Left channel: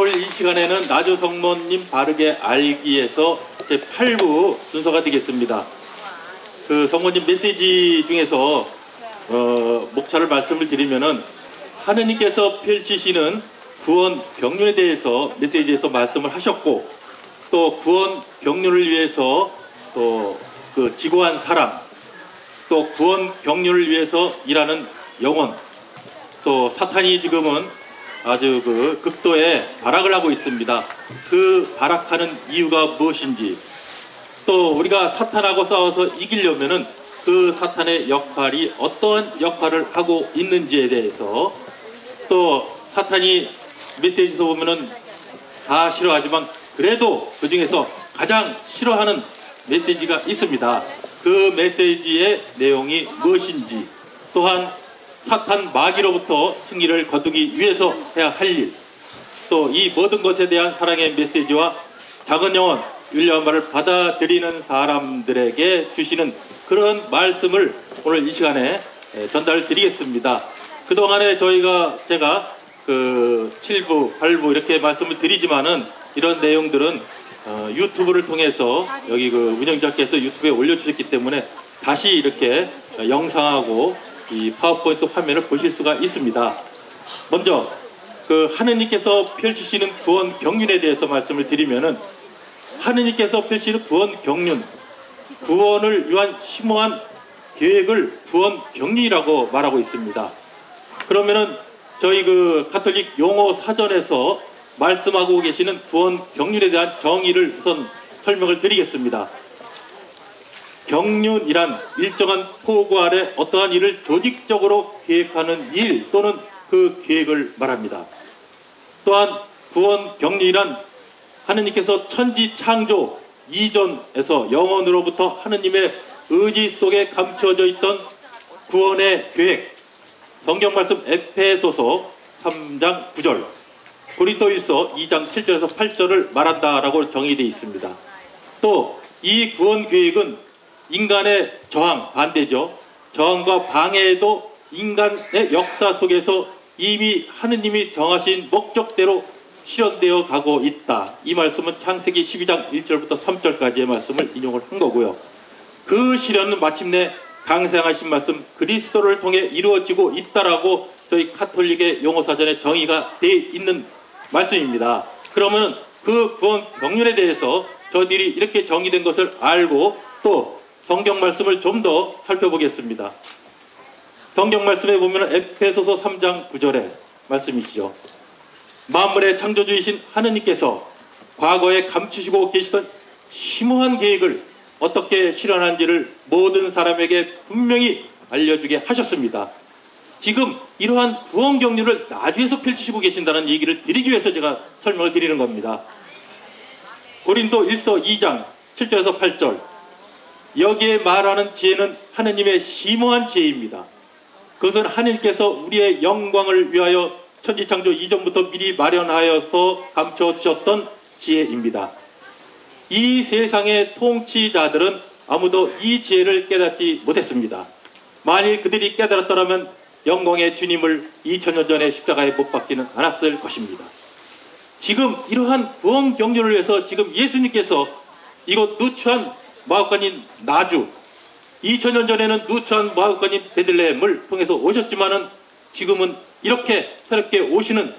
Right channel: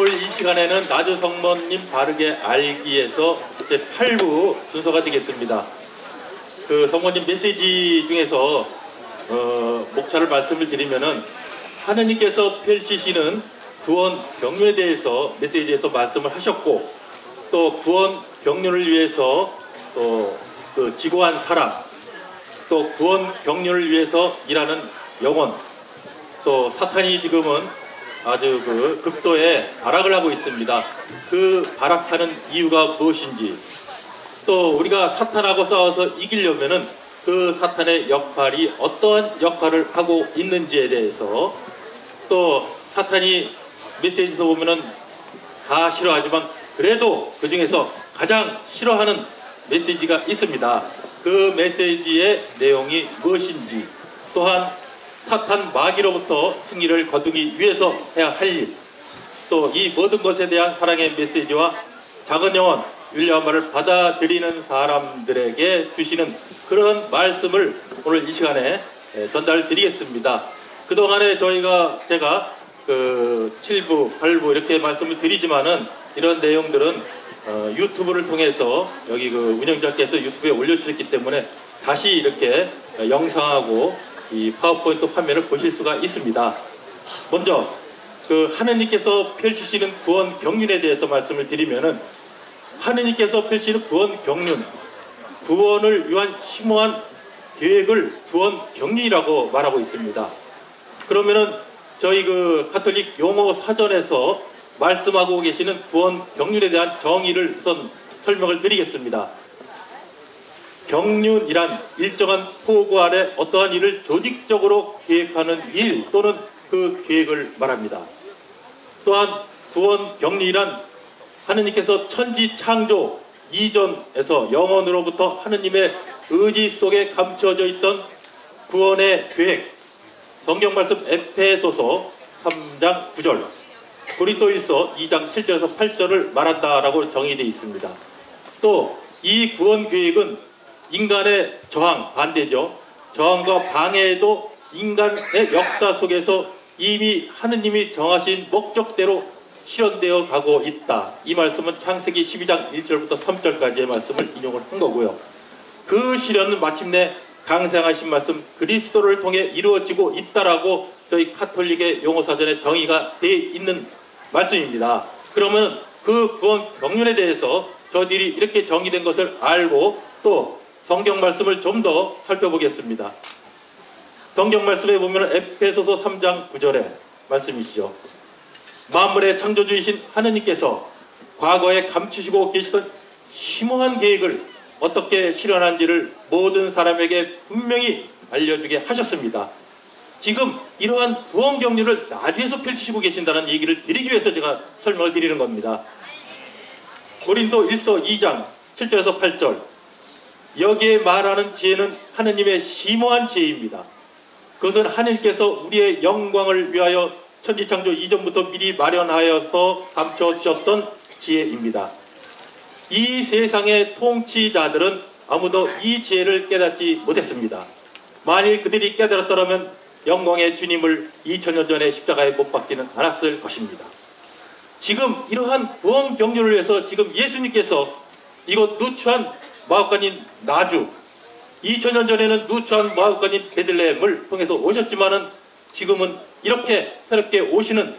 오늘 이 시간에는 나주 성모님 바르게 알기에서 제8부 순서가 되겠습니다. 그 성모님 메시지 중에서 목차를 말씀을 드리면은 하느님께서 펼치시는 구원 경륜에 대해서 메시지에서 말씀을 하셨고, 또 구원 경륜을 위해서 또 그 지고한 사람, 또 구원 경륜을 위해서 일하는 영혼, 또 사탄이 지금은 아주 그 극도의 발악을 하고 있습니다. 그 발악하는 이유가 무엇인지, 또 우리가 사탄하고 싸워서 이기려면은 그 사탄의 역할이 어떠한 역할을 하고 있는지에 대해서, 또 사탄이 메시지에서 보면은 다 싫어하지만 그래도 그 중에서 가장 싫어하는 메시지가 있습니다. 그 메시지의 내용이 무엇인지, 또한 사탄 마귀로부터 승리를 거두기 위해서 해야 할 일, 또 이 모든 것에 대한 사랑의 메시지와 작은 영혼 윌리엄을 받아들이는 사람들에게 주시는 그런 말씀을 오늘 이 시간에 전달 드리겠습니다. 그동안에 제가 그 7부, 8부 이렇게 말씀을 드리지만은 이런 내용들은 유튜브를 통해서 여기 그 운영자께서 유튜브에 올려주셨기 때문에 다시 이렇게 영상하고 이 파워포인트 화면을 보실 수가 있습니다. 먼저 그 하느님께서 펼치시는 구원 경륜에 대해서 말씀을 드리면은, 하느님께서 펼치는 구원 경륜, 구원을 위한 심오한 계획을 구원 경륜이라고 말하고 있습니다. 그러면은 저희 그 가톨릭 용어 사전에서 말씀하고 계시는 구원 경륜에 대한 정의를 우선 설명을 드리겠습니다. 경륜이란 일정한 포구 아래 어떠한 일을 조직적으로 계획하는 일 또는 그 계획을 말합니다. 또한 구원 경륜이란 하느님께서 천지 창조 이전에서 영원으로부터 하느님의 의지 속에 감춰져 있던 구원의 계획, 성경 말씀 에페소서 3장 9절, 고린도후서 2장 7절에서 8절을 말한다라고 정의되어 있습니다. 또 이 구원 계획은 인간의 저항, 반대죠. 저항과 방해에도 인간의 역사 속에서 이미 하느님이 정하신 목적대로 실현되어 가고 있다. 이 말씀은 창세기 12장 1절부터 3절까지의 말씀을 인용을 한 거고요. 그 실현은 마침내 강생하신 말씀 그리스도를 통해 이루어지고 있다라고 저희 카톨릭의 용어사전에 정의가 되어 있는 말씀입니다. 그러면 그 구원 경륜에 대해서 저희들이 이렇게 정의된 것을 알고 또 성경 말씀을 좀 더 살펴보겠습니다. 성경 말씀에 보면 에페소서 3장 9절의 말씀이시죠. 만물의 창조주이신 하느님께서 과거에 감추시고 계시던 심오한 계획을 어떻게 실현한지를 모든 사람에게 분명히 알려주게 하셨습니다. 지금 이러한 구원 경륜을 나주에서 펼치시고 계신다는 얘기를 드리기 위해서 제가 설명을 드리는 겁니다. 고린도일서 2장 7절에서 8절, 여기에 말하는 지혜는 하느님의 심오한 지혜입니다. 그것은 하느님께서 우리의 영광을 위하여 천지창조 이전부터 미리 마련하여서 감춰주셨던 지혜입니다. 이 세상의 통치자들은 아무도 이 지혜를 깨닫지 못했습니다. 만일 그들이 깨달았더라면 영광의 주님을 2000년 전에 십자가에 못 박지는 않았을 것입니다. 지금 이러한 구원 경륜을 위해서 지금 예수님께서 이곳 누추한 마국간인 나주, 2000년 전에는 누추한 마국간인 베들레헴을 통해서 오셨지만은 지금은 이렇게 새롭게 오시는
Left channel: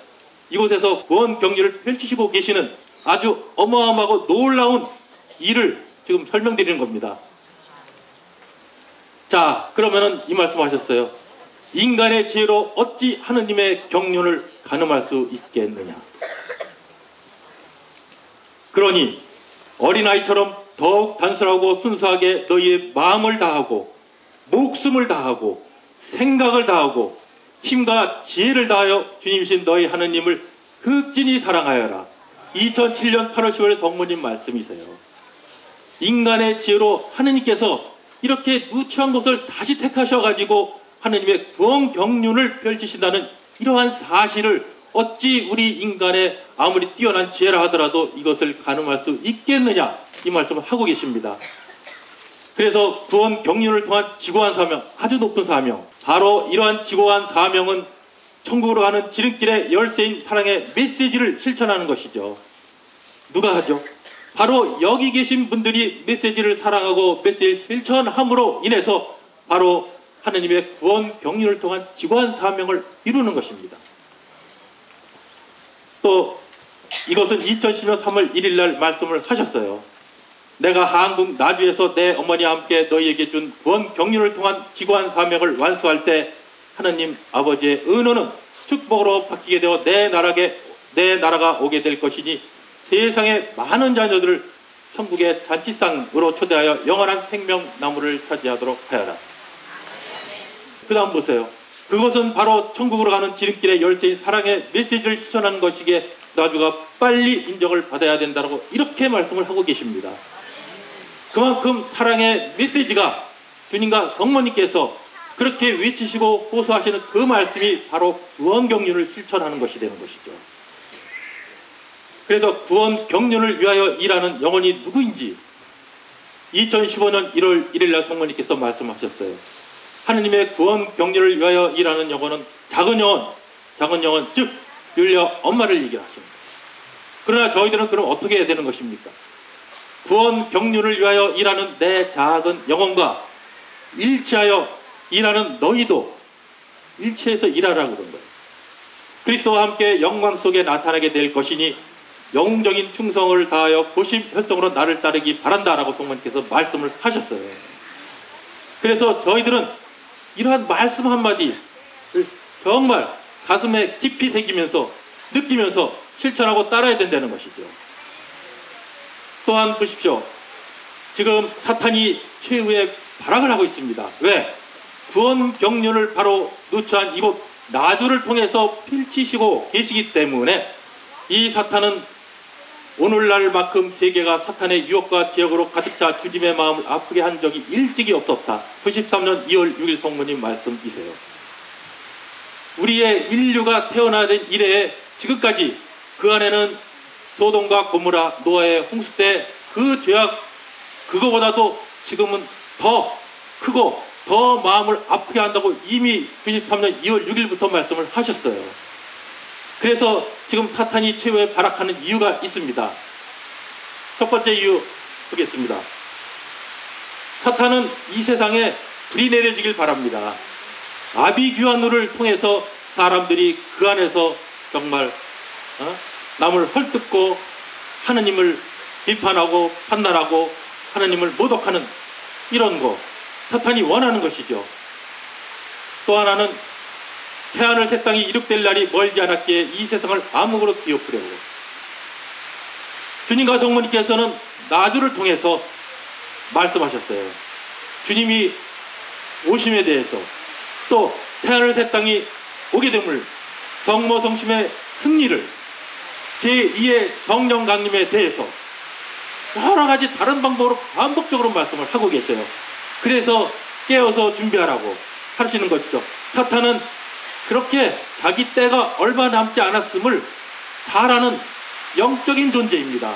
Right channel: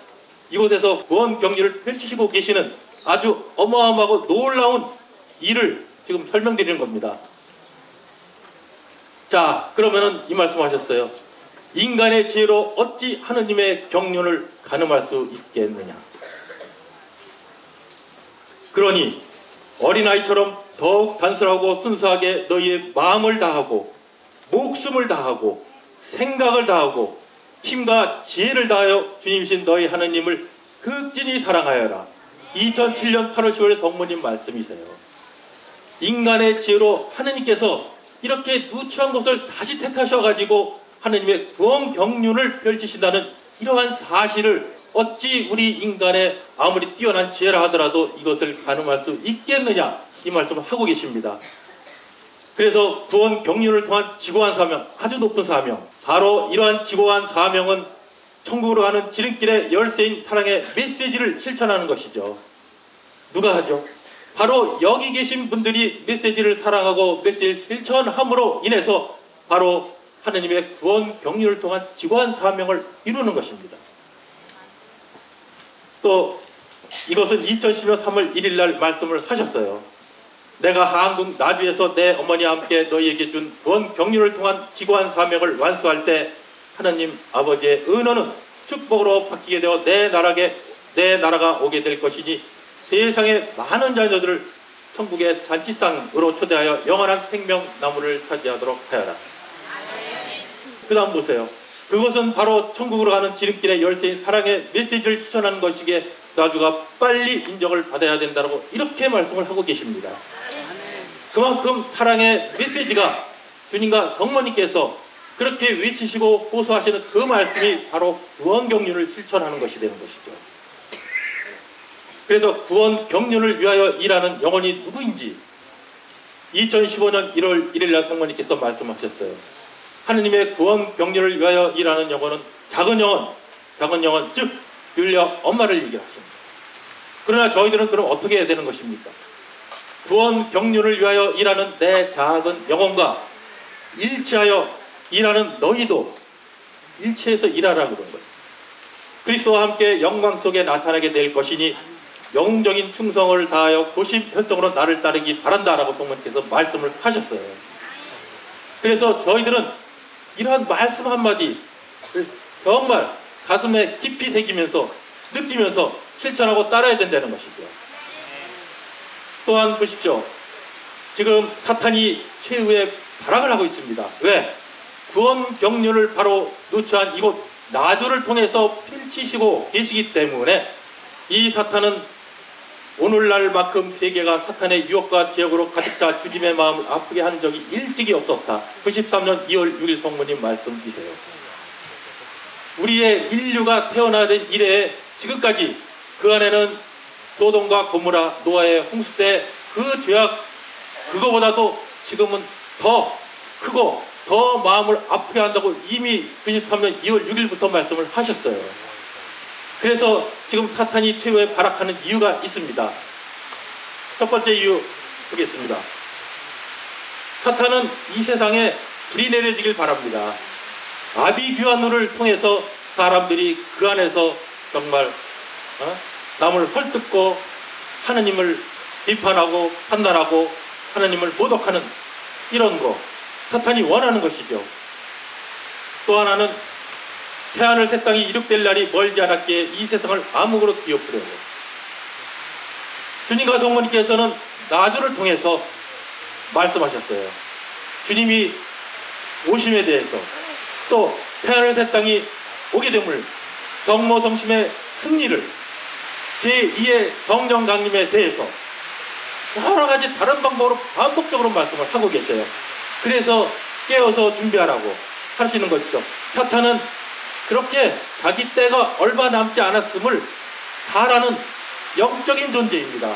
이곳에서 구원 경륜을 펼치시고 계시는 아주 어마어마하고 놀라운 일을 지금 설명드리는 겁니다. 자, 그러면은 이 말씀하셨어요. 인간의 지혜로 어찌 하느님의 경륜을 가늠할 수 있겠느냐. 그러니 어린아이처럼 더욱 단순하고 순수하게 너희의 마음을 다하고 목숨을 다하고 생각을 다하고 힘과 지혜를 다하여 주님이신 너희 하느님을 극진히 사랑하여라. 2007년 8월 10월 성모님 말씀이세요. 인간의 지혜로 하느님께서 이렇게 누추한 것을 다시 택하셔가지고 하느님의 구원 경륜을 펼치신다는 이러한 사실을 어찌 우리 인간의 아무리 뛰어난 지혜라 하더라도 이것을 가늠할 수 있겠느냐, 이 말씀을 하고 계십니다. 그래서 구원 경륜을 통한 지고한 사명, 아주 높은 사명, 바로 이러한 지고한 사명은 천국으로 가는 지름길의 열쇠인 사랑의 메시지를 실천하는 것이죠. 누가 하죠? 바로 여기 계신 분들이 메시지를 사랑하고 메시지를 실천함으로 인해서 바로 하느님의 구원 경륜을 통한 지구한 사명을 이루는 것입니다. 또 이것은 2010년 3월 1일 날 말씀을 하셨어요. 내가 한국 나주에서 내 어머니와 함께 너희에게 준 구원 경륜을 통한 지구한 사명을 완수할 때 하느님 아버지의 은혜는 축복으로 바뀌게 되어 내 나라가 오게 될 것이니 세상의 많은 자녀들을 천국의 잔치상으로 초대하여 영원한 생명나무를 차지하도록 하여라. 그 다음 보세요. 그것은 바로 천국으로 가는 지름길의 열쇠인 사랑의 메시지를 실천하는 것이기에 나주가 빨리 인정을 받아야 된다고 이렇게 말씀을 하고 계십니다. 그만큼 사랑의 메시지가 주님과 성모님께서 그렇게 외치시고 호소하시는 그 말씀이 바로 구원 경륜을 실천하는 것이 되는 것이죠. 그래서 구원 경륜을 위하여 일하는 영혼이 누구인지 2015년 1월 1일 날 성모님께서 말씀하셨어요. 하느님의 구원 경륜을 위하여 일하는 영혼은 작은 영혼 즉 율려 엄마를 얘기하십니다. 그러나 저희들은 그럼 어떻게 해야 되는 것입니까? 구원 경륜을 위하여 일하는 내 작은 영혼과 일치하여 일하는 너희도 일치해서 일하라고 그런 거예요. 그리스도와 함께 영광 속에 나타나게 될 것이니 영적인 충성을 다하여 고심혈성으로 나를 따르기 바란다라고 성모님께서 말씀을 하셨어요. 그래서 저희들은 이러한 말씀 한마디 정말 가슴에 깊이 새기면서 느끼면서 실천하고 따라야 된다는 것이죠. 또한 보십시오. 지금 사탄이 최후의 발악을 하고 있습니다. 왜? 구원 경륜을 바로 누추한 이곳 나주를 통해서 펼치시고 계시기 때문에 이 사탄은 오늘날만큼 세계가 사탄의 유혹과 제약으로 가득 차 주님의 마음을 아프게 한 적이 일찍이 없었다. 93년 2월 6일 성모님 말씀이세요. 우리의 인류가 태어나된 이래에 지금까지 그 안에는 소돔과 고모라 노아의 홍수 때 그 죄악 그거보다도 지금은 더 크고 더 마음을 아프게 한다고 이미 93년 2월 6일부터 말씀을 하셨어요. 그래서 지금 사탄이 최후에 발악하는 이유가 있습니다. 첫 번째 이유 보겠습니다. 사탄은 이 세상에 불이 내려지길 바랍니다. 아비규환우를 통해서 사람들이 그 안에서 정말 남을 헐뜯고 하느님을 비판하고 판단하고 하느님을 모독하는 이런 거 사탄이 원하는 것이죠. 또 하나는 새하늘 새 땅이 이룩될 날이 멀지 않았기에 이 세상을 암흑으로 뒤엎으려고 주님과 성모님께서는 나주를 통해서 말씀하셨어요. 주님이 오심에 대해서 또 새하늘 새 땅이 오게 됨을 성모성심의 승리를 제2의 성령 강림에 대해서 여러 가지 다른 방법으로 반복적으로 말씀을 하고 계세요. 그래서 깨어서 준비하라고 하시는 것이죠. 사탄은 그렇게 자기 때가 얼마 남지 않았음을 잘 아는 영적인 존재입니다.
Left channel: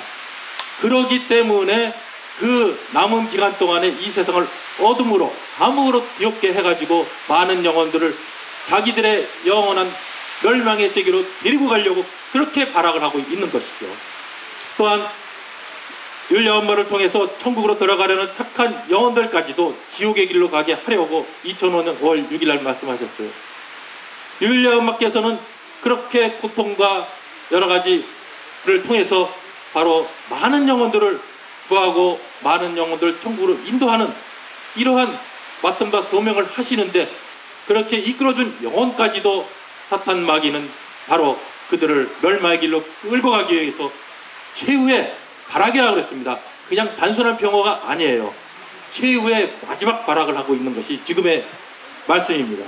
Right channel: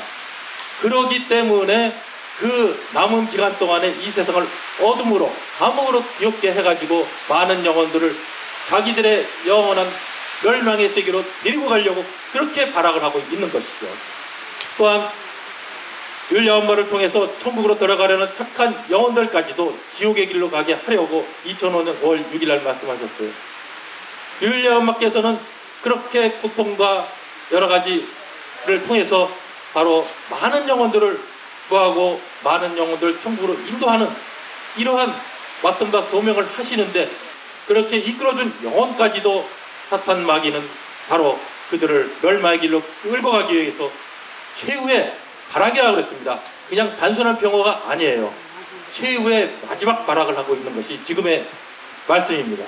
그러기 때문에 그 남은 기간 동안에 이 세상을 어둠으로 암흑으로 뒤엎게 해가지고 많은 영혼들을 자기들의 영원한 멸망의 세계로 데리고 가려고 그렇게 발악을 하고 있는 것이죠. 또한 율려 엄마를 통해서 천국으로 들어가려는 착한 영혼들까지도 지옥의 길로 가게 하려고 2005년 5월 6일 날 말씀하셨어요. 율려 엄마께서는 그렇게 고통과 여러 가지를 통해서 바로 많은 영혼들을 구하고 많은 영혼들을 천국으로 인도하는 이러한 맡음과 소명을 하시는데 그렇게 이끌어준 영혼까지도 사탄 마귀는 바로 그들을 멸망의 길로 끌고 가기 위해서 최후의 발악이라고 그랬습니다. 그냥 단순한 평화가 아니에요. 최후의 마지막 발악을 하고 있는 것이 지금의 말씀입니다.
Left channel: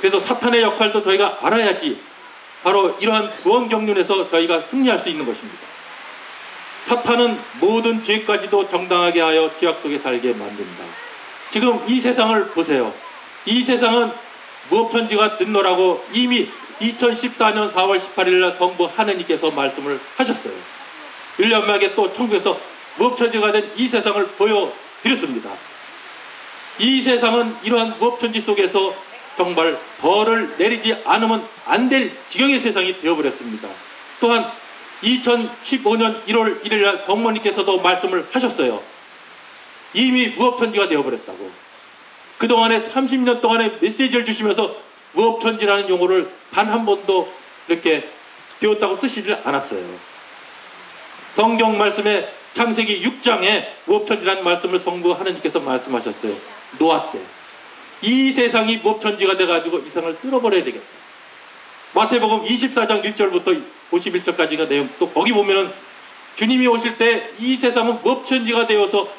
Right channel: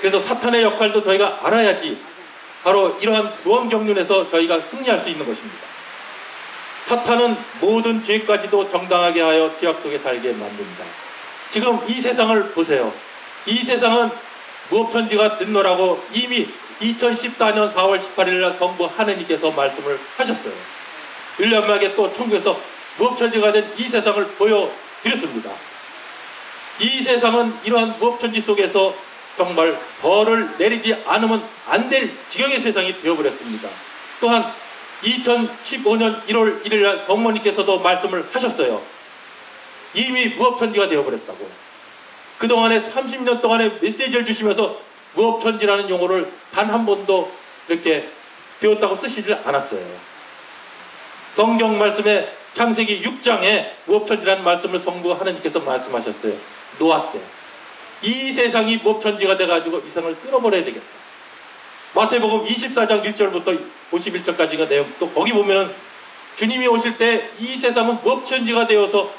그래서 사탄의 역할도 저희가 알아야지 바로 이러한 구원 경륜에서 저희가 승리할 수 있는 것입니다. 사탄은 모든 죄까지도 정당하게 하여 죄악 속에 살게 만듭니다. 지금 이 세상을 보세요. 이 세상은 무법천지가 됐노라고 이미 2014년 4월 18일 날 성부 하느님께서 말씀을 하셨어요. 율려엄마에게 또 천국에서 무법천지가 된 이 세상을 보여드렸습니다. 이 세상은 이러한 무법천지 속에서 정말 벌을 내리지 않으면 안 될 지경의 세상이 되어버렸습니다. 또한 2015년 1월 1일 날 성모님께서도 말씀을 하셨어요. 이미 무업천지가 되어버렸다고. 그동안에 30년 동안에 메시지를 주시면서 무업천지라는 용어를 단 한 번도 이렇게 배웠다고 쓰시질 않았어요. 성경 말씀에 창세기 6장에 무업천지라는 말씀을 성부 하나님께서 말씀하셨어요. 노아 때. 이 세상이 무업천지가 돼가지고 이 세상을 쓸어버려야 되겠다. 마태복음 24장 1절부터 51절까지가 내용. 또 거기 보면 주님이 오실 때 이 세상은 무업천지가 되어서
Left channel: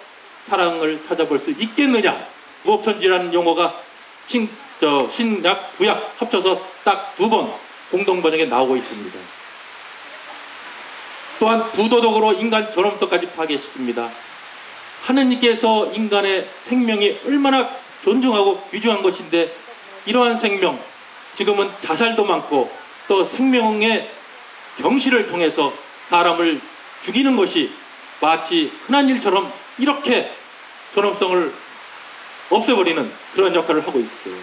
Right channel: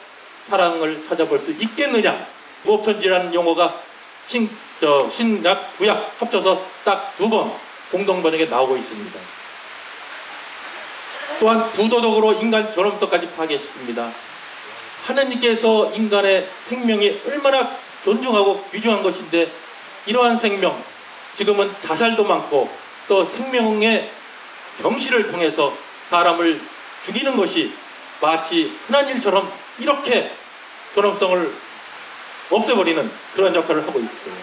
사랑을 찾아볼 수 있겠느냐. 무업천지라는 용어가 신약, 구약 합쳐서 딱 2번 공동번역에 나오고 있습니다. 또한 부도덕으로 인간 존엄성까지 파괴했습니다. 하느님께서 인간의 생명이 얼마나 존중하고 귀중한 것인데 이러한 생명, 지금은 자살도 많고 또 생명의 병실을 통해서 사람을 죽이는 것이 마치 흔한 일처럼 이렇게 존엄성을 없애버리는 그런 역할을 하고 있어요.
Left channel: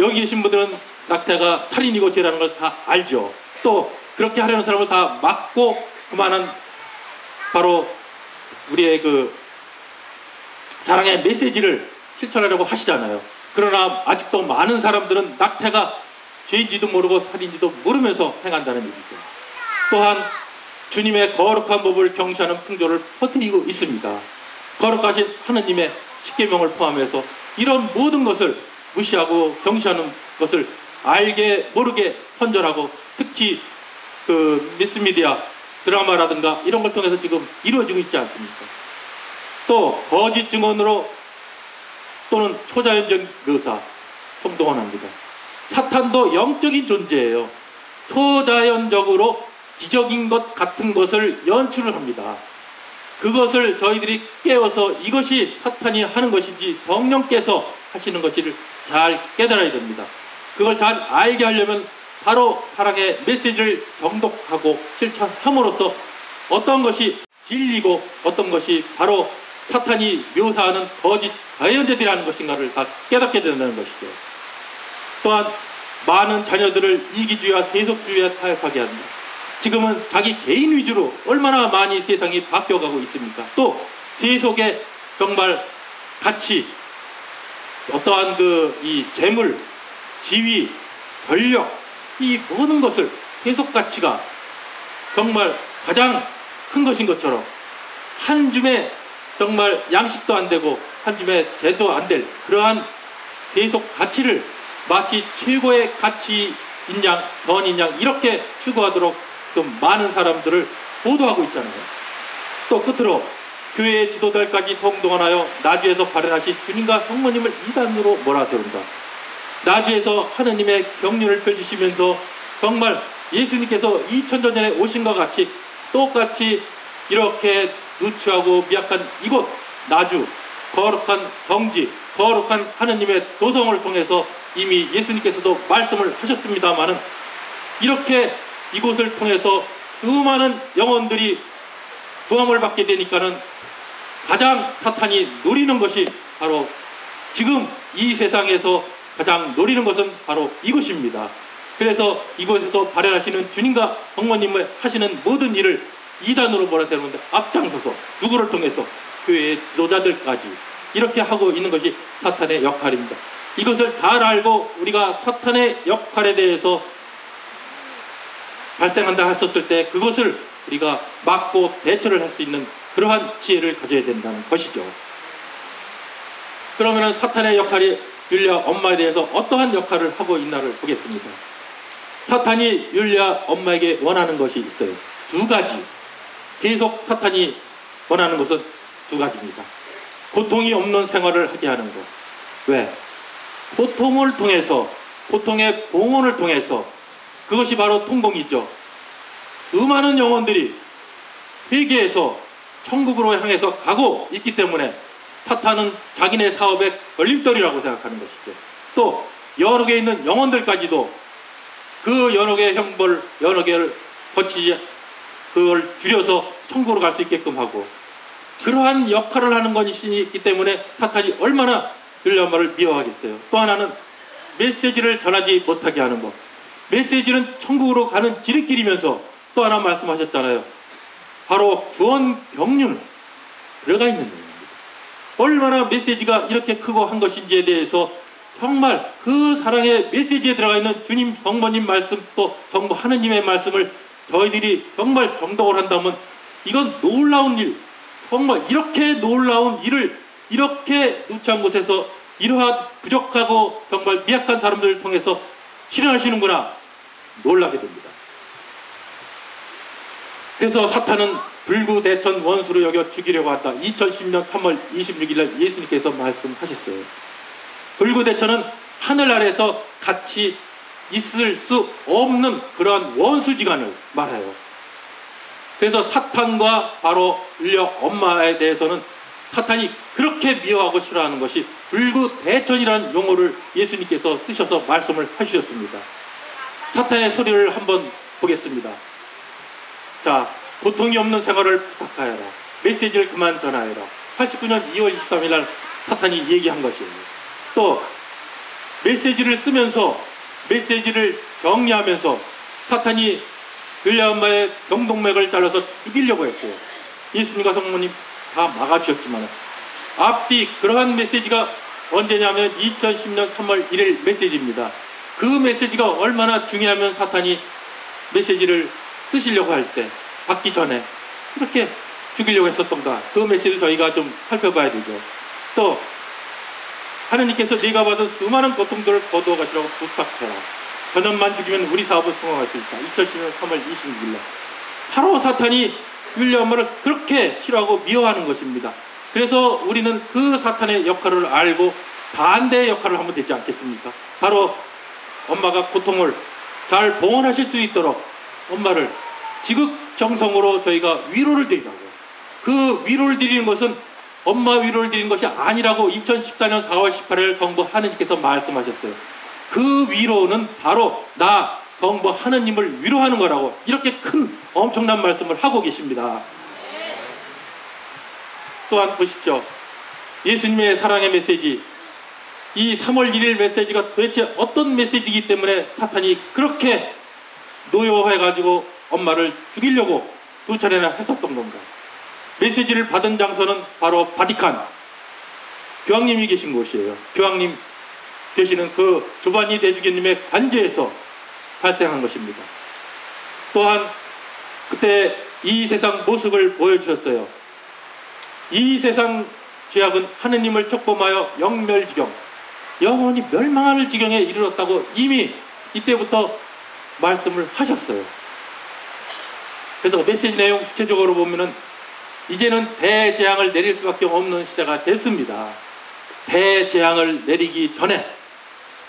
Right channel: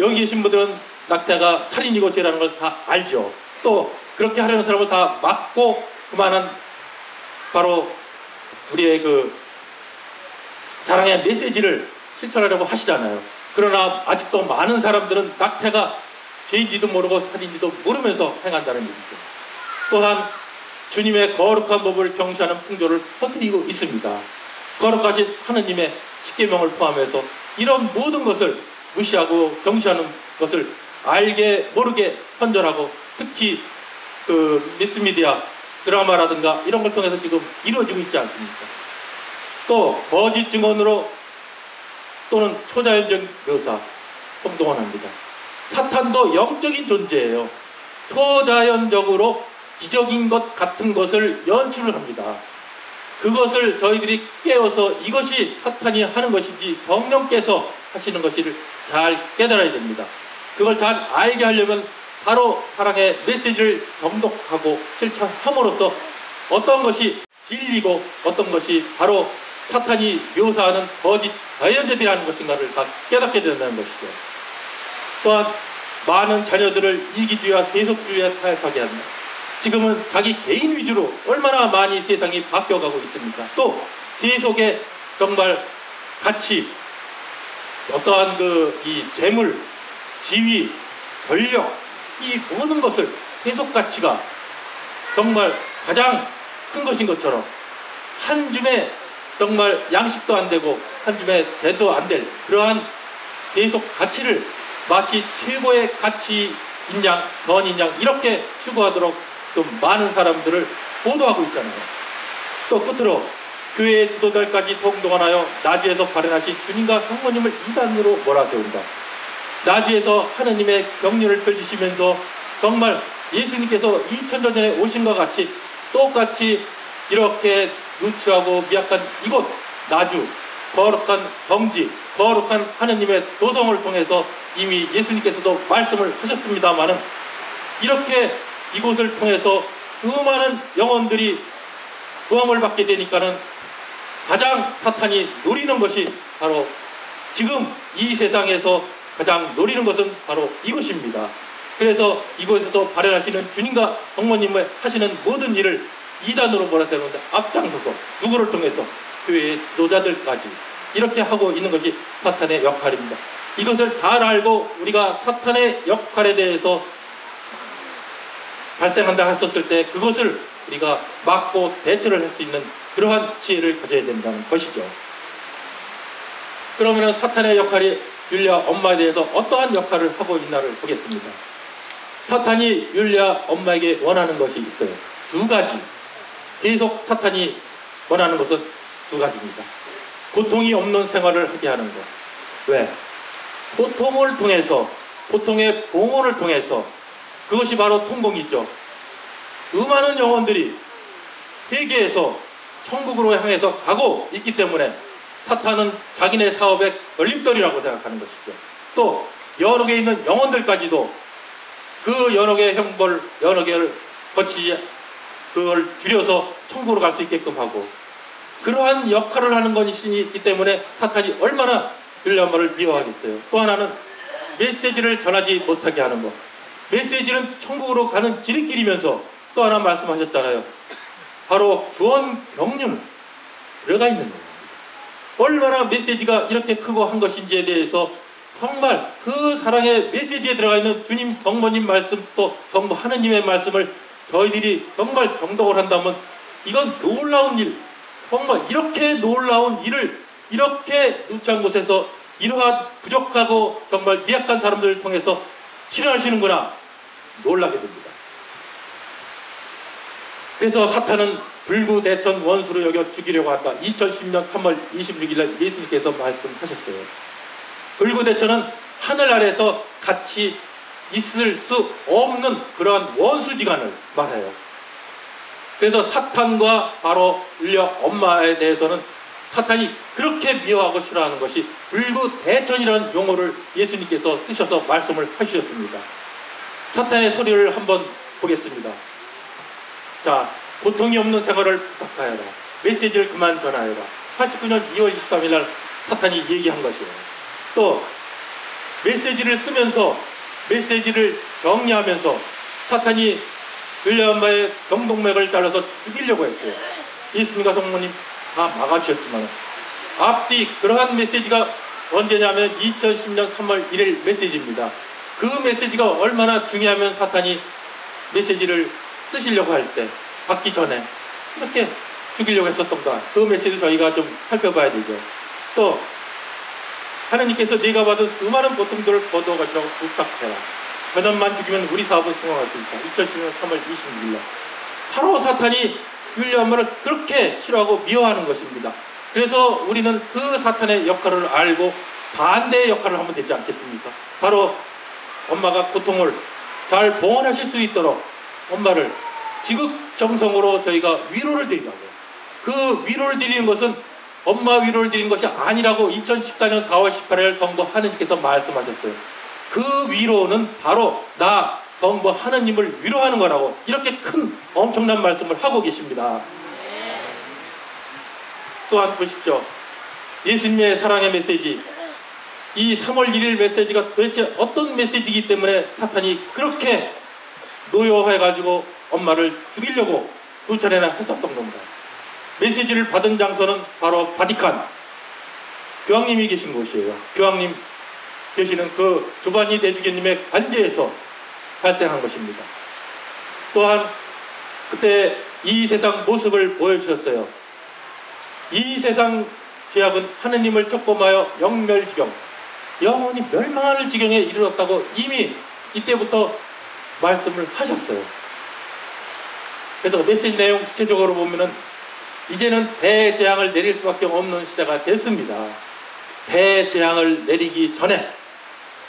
여기 계신 분들은 낙태가 살인이고 죄라는 걸 다 알죠. 또 그렇게 하려는 사람을 다 막고 그만한 바로 우리의 그 사랑의 메시지를 실천하려고 하시잖아요. 그러나 아직도 많은 사람들은 낙태가 죄인지도 모르고 살인지도 모르면서 행한다는 얘기죠. 또한 주님의 거룩한 법을 경시하는 풍조를 퍼뜨리고 있습니다. 거룩하신 하느님의 십계명을 포함해서 이런 모든 것을 무시하고 경시하는 것을 알게 모르게 헌절하고 특히 그 미스미디어 드라마라든가 이런 걸 통해서 지금 이루어지고 있지 않습니까? 또 거짓 증언으로 또는 초자연적 묘사 행동합니다. 사탄도 영적인 존재예요. 초자연적으로 기적인 것 같은 것을 연출을 합니다. 그것을 저희들이 깨워서 이것이 사탄이 하는 것인지 성령께서 하시는 것인지를 잘 깨달아야 됩니다. 그걸 잘 알게 하려면 바로 사랑의 메시지를 정독하고 실천함으로써 어떤 것이 진리고 어떤 것이 바로 사탄이 묘사하는 거짓 자연제들이라는 것인가를 다 깨닫게 된다는 것이죠. 또한 많은 자녀들을 이기주의와 세속주의에 타협하게 합니다. 지금은 자기 개인 위주로 얼마나 많이 세상이 바뀌어가고 있습니까? 또 세속의 정말 가치, 어떠한 이 재물, 지위, 권력, 이 모든 것을 세속 가치가 정말 가장 큰 것인 것처럼 한 줌에 정말 양식도 안 되고 한 줌에 재도 안 될 그러한 세속 가치를 마치 최고의 가치인 양, 선인 양 이렇게 추구하도록 좀 많은 사람들을 보도하고 있잖아요. 또 끝으로 교회의 지도자들까지 동동하여 나주에서 발현하신 주님과 성모님을 이단으로 몰아세운다. 나주에서 하느님의 경륜을 펼치시면서 정말 예수님께서 2000년 전에 오신 것 같이 똑같이 이렇게 누추하고 미약한 이곳 나주 거룩한 성지 거룩한 하느님의 도성을 통해서 이미 예수님께서도 말씀을 하셨습니다마는 이렇게 이곳을 통해서 수많은 영혼들이 구원을 받게 되니까는 가장 사탄이 노리는 것이 바로 지금 이 세상에서 가장 노리는 것은 바로 이것입니다. 그래서 이곳에서 발현하시는 주님과 성모님을 하시는 모든 일을 이단으로 몰아세우는데 앞장서서 누구를 통해서 교회의 지도자들까지 이렇게 하고 있는 것이 사탄의 역할입니다. 이것을 잘 알고 우리가 사탄의 역할에 대해서 발생한다 했었을 때 그것을 우리가 막고 대처를 할 수 있는 그러한 지혜를 가져야 된다는 것이죠. 그러면 사탄의 역할이 율리아 엄마에 대해서 어떠한 역할을 하고 있나를 보겠습니다. 사탄이 율리아 엄마에게 원하는 것이 있어요. 두 가지. 계속 사탄이 원하는 것은 두 가지입니다. 고통이 없는 생활을 하게 하는 것. 왜? 고통을 통해서, 고통의 봉헌을 통해서 그것이 바로 통공이죠. 수많은 영혼들이 회개해서 천국으로 향해서 가고 있기 때문에 사탄은 자기네 사업의 걸림돌이라고 생각하는 것이죠. 또 여러 개 있는 영혼들까지도 그 여러 개의 형벌, 여러 개를 거치지 그걸 줄여서 천국으로 갈 수 있게끔 하고 그러한 역할을 하는 것이 있기 때문에 사탄이 얼마나 율리아 엄마를 미워하겠어요. 또 하나는 메시지를 전하지 못하게 하는 것. 메시지는 천국으로 가는 지름길이면서 또 하나 말씀하셨잖아요. 바로 구원 경륜은 들어가 있는 겁니다. 얼마나 메시지가 이렇게 크고 한 것인지에 대해서 정말 그 사랑의 메시지에 들어가 있는 주님 성모님 말씀 또 성부 하느님의 말씀을 저희들이 정말 정독을 한다면 이건 놀라운 일, 정말 이렇게 놀라운 일을 이렇게 누추한 곳에서 이러한 부족하고 정말 미약한 사람들을 통해서 실현하시는구나 놀라게 됩니다. 그래서 사탄은 불구대천 원수로 여겨 죽이려고 한다. 2010년 3월 26일 날 예수님께서 말씀하셨어요. 불구대천은 하늘 아래서 같이 있을 수 없는 그러한 원수지간을 말해요. 그래서 사탄과 바로 인력 엄마에 대해서는 사탄이 그렇게 미워하고 싫어하는 것이 불구대천이라는 용어를 예수님께서 쓰셔서 말씀을 하셨습니다. 사탄의 소리를 한번 보겠습니다. 자, 고통이 없는 생활을 부탁하여라. 메시지를 그만 전하여라. 89년 2월 23일 날 사탄이 얘기한 것이에요. 또 메시지를 쓰면서 메시지를 정리하면서 사탄이 윌리엄마의 경동맥을 잘라서 죽이려고 했어요. 예수님과 성모님 다 막아주셨지만 앞뒤 그러한 메시지가 언제냐면 2010년 3월 1일 메시지입니다. 그 메시지가 얼마나 중요하면 사탄이 메시지를 쓰시려고 할 때 받기 전에 그렇게 죽이려고 했었던가 그 메시지 저희가 좀 살펴봐야 되죠. 또 하나님께서 네가 받은 수많은 고통들을 거두어 가시라고 부탁해라. 저년만 죽이면 우리 사업을 성공할 수 있다. 2010년 3월 26일 날 바로 사탄이 윌리엄을 그렇게 싫어하고 미워하는 것입니다. 그래서 우리는 그 사탄의 역할을 알고 반대의 역할을 하면 되지 않겠습니까? 바로 엄마가 고통을 잘 봉헌하실 수 있도록 엄마를 지극정성으로 저희가 위로를 드리라고. 그 위로를 드리는 것은 엄마 위로를 드리는 것이 아니라고 2014년 4월 18일 성부 하느님께서 말씀하셨어요. 그 위로는 바로 나 성부 하느님을 위로하는 거라고 이렇게 큰 엄청난 말씀을 하고 계십니다. 또한 보십시오. 예수님의 사랑의 메시지, 이 3월 1일 메시지가 도대체 어떤 메시지이기 때문에 사탄이 그렇게 노여워해가지고 엄마를 죽이려고 두 차례나 했었던 겁니다. 메시지를 받은 장소는 바로 바티칸, 교황님이 계신 곳이에요. 교황님 되시는 그 조바니 대주교님의 관제에서 발생한 것입니다. 또한 그때 이 세상 모습을 보여주셨어요. 이 세상 죄악은 하느님을 촉범하여 영멸지경, 영원히 멸망할 지경에 이르렀다고 이미 이때부터 말씀을 하셨어요. 그래서 메시지 내용 구체적으로 보면은 이제는 대재앙을 내릴 수밖에 없는 시대가 됐습니다. 대재앙을 내리기 전에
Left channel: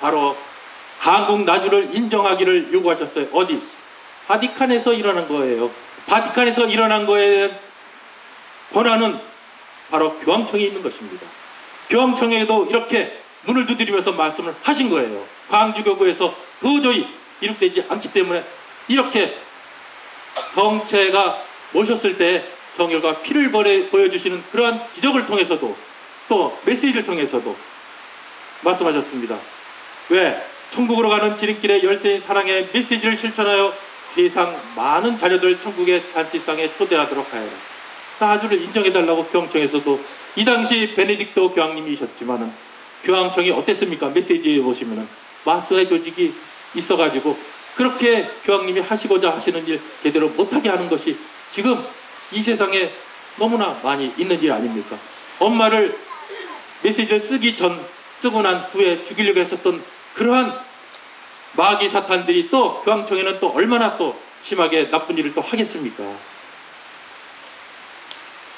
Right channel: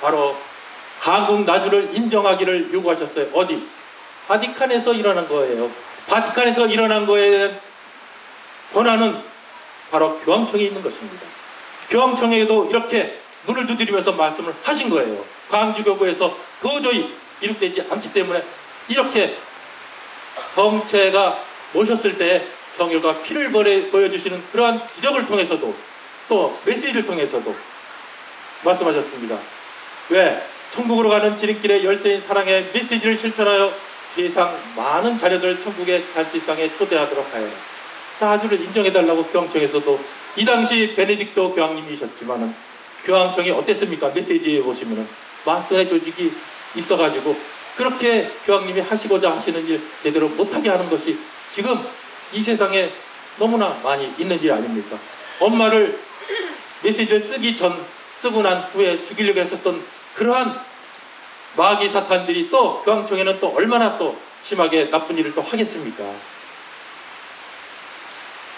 바로 한국 나주를 인정하기를 요구하셨어요. 어디? 바티칸에서 일어난 거예요. 바티칸에서 일어난 거에 권한은 바로 교황청에 있는 것입니다. 교황청에도 이렇게 눈을 두드리면서 말씀을 하신 거예요. 광주교구에서 도저히 이룩되지 않기 때문에 이렇게 성체가 모셨을 때 성혈과 피를 보여주시는 그러한 기적을 통해서도 또 메시지를 통해서도 말씀하셨습니다. 왜? 천국으로 가는 지름길의 열쇠인 사랑의 메시지를 실천하여 세상 많은 자녀들 천국의 잔치상에 초대하도록 하여라. 사주를 인정해달라고 교황청에서도 이 당시 베네딕토 교황님이셨지만은 교황청이 어땠습니까? 메시지에 보시면은 마스의 조직이 있어가지고 그렇게 교황님이 하시고자 하시는 일 제대로 못하게 하는 것이 지금 이 세상에 너무나 많이 있는 일 아닙니까? 엄마를 메시지를 쓰고 난 후에 죽이려고 했었던 그러한 마귀 사탄들이 또 교황청에는 또 얼마나 또 심하게 나쁜 일을 또 하겠습니까?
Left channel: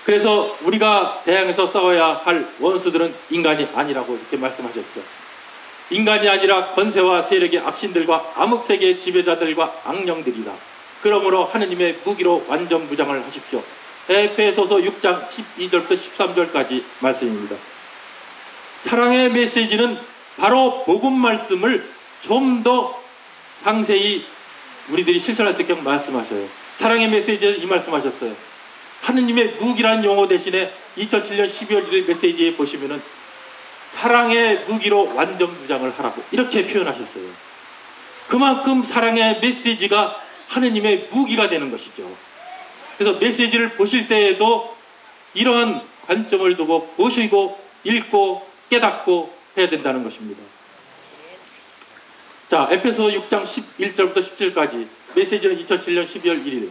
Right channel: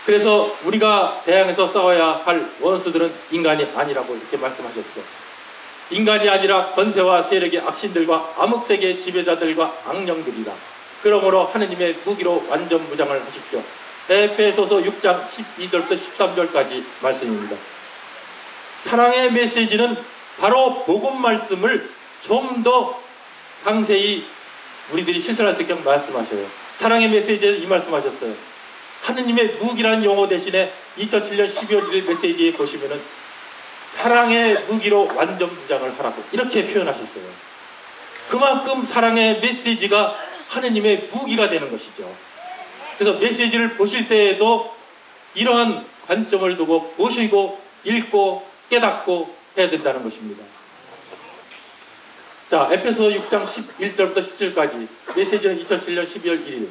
그래서 우리가 대항해서 싸워야 할 원수들은 인간이 아니라고 이렇게 말씀하셨죠. 인간이 아니라 권세와 세력의 악신들과 암흑세계의 지배자들과 악령들이다. 그러므로 하느님의 무기로 완전 무장을 하십시오. 에베소서 6장 12절부터 13절까지 말씀입니다. 사랑의 메시지는 바로 복음 말씀을 좀 더 상세히 우리들이 실천할 수 있게 말씀하셔요. 사랑의 메시지에서 이 말씀하셨어요. 하느님의 무기라는 용어 대신에 2007년 12월 1일 메시지에 보시면은 사랑의 무기로 완전 무장을 하라고 이렇게 표현하셨어요. 그만큼 사랑의 메시지가 하느님의 무기가 되는 것이죠. 그래서 메시지를 보실 때에도 이러한 관점을 두고 보시고 읽고 깨닫고 해야 된다는 것입니다. 자, 에베소 6장 11절부터 17절까지 메시지는 2007년 12월 1일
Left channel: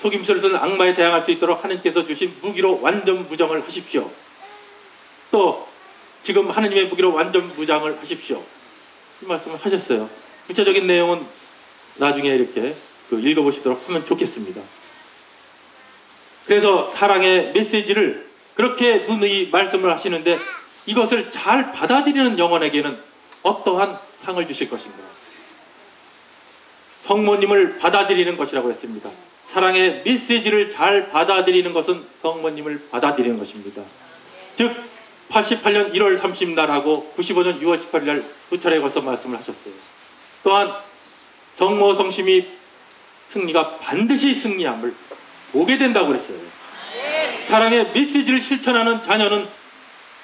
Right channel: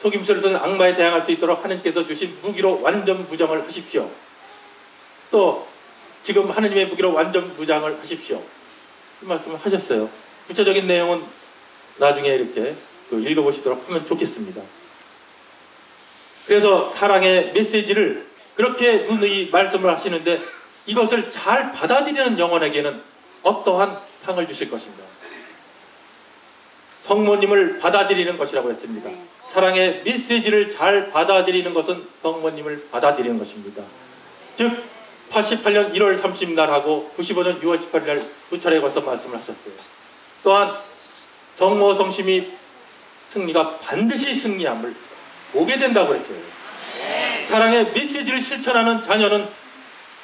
속임수로서는 악마에 대항할 수 있도록 하느님께서 주신 무기로 완전 무장을 하십시오. 또 지금 하느님의 무기로 완전 무장을 하십시오. 이 말씀을 하셨어요. 구체적인 내용은 나중에 이렇게 읽어보시도록 하면 좋겠습니다. 그래서 사랑의 메시지를 그렇게 누누이 말씀을 하시는데 이것을 잘 받아들이는 영혼에게는 어떠한 상을 주실 것인가? 성모님을 받아들이는 것이라고 했습니다. 사랑의 메시지를 잘 받아들이는 것은 성모님을 받아들이는 것입니다. 즉 88년 1월 30날하고 95년 6월 18일 두 차례에 걸쳐 말씀을 하셨어요. 또한 성모 성심이 승리가 반드시 승리함을 보게 된다고 그랬어요. 사랑의 메시지를 실천하는 자녀는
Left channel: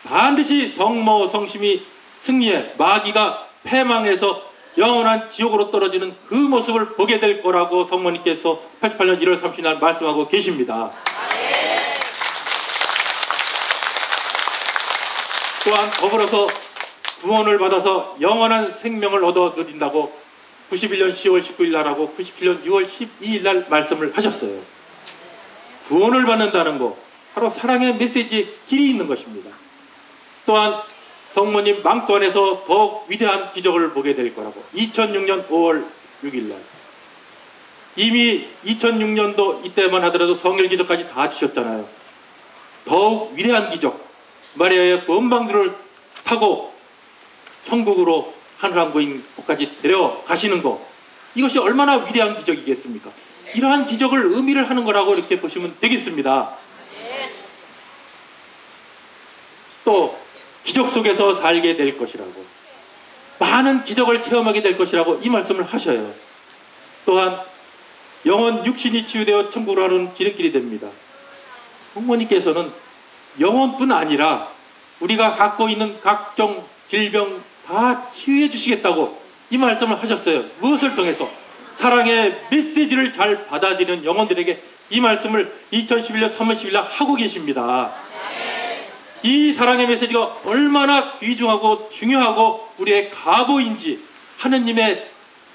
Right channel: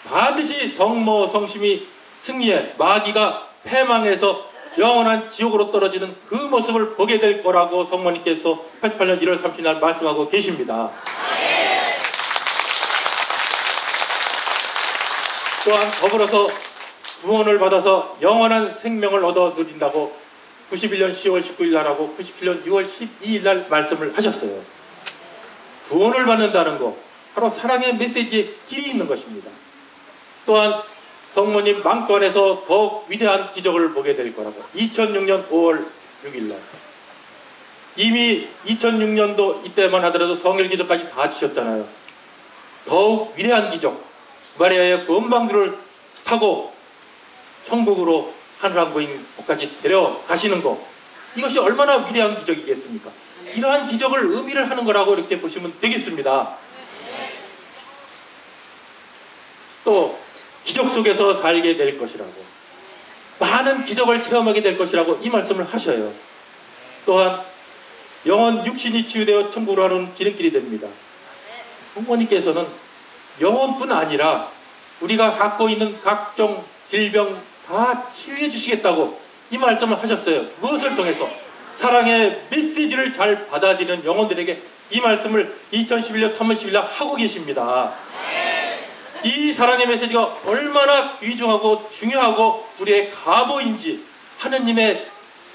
반드시 성모 성심이 승리해 마귀가 패망해서 영원한 지옥으로 떨어지는 그 모습을 보게 될 거라고 성모님께서 88년 1월 30일 말씀하고 계십니다. 또한 더불어서 구원을 받아서 영원한 생명을 얻어 누린다고 91년 10월 19일 날하고 97년 6월 12일 날 말씀을 하셨어요. 구원을 받는다는 것, 바로 사랑의 메시지에 길이 있는 것입니다. 또한 성모님 망토 안에서 더욱 위대한 기적을 보게 될 거라고 2006년 5월 6일 날 이미 2006년도 이때만 하더라도 성일 기적까지 다 주셨잖아요. 더욱 위대한 기적, 마리아의 건방주를 타고 천국으로 하늘왕국까지 데려가시는 것, 이것이 얼마나 위대한 기적이겠습니까? 이러한 기적을 의미를 하는 거라고 이렇게 보시면 되겠습니다. 또 기적 속에서 살게 될 것이라고, 많은 기적을 체험하게 될 것이라고 이 말씀을 하셔요. 또한 영혼 육신이 치유되어 천국으로 하는 지름길이 됩니다. 부모님께서는 영혼뿐 아니라 우리가 갖고 있는 각종 질병 다 치유해 주시겠다고 이 말씀을 하셨어요. 무엇을 통해서? 사랑의 메시지를 잘 받아들이는 영혼들에게 이 말씀을 2011년 3월 10일 날 하고 계십니다. 이 사랑의 메시지가 얼마나 귀중하고 중요하고 우리의 가보인지, 하느님의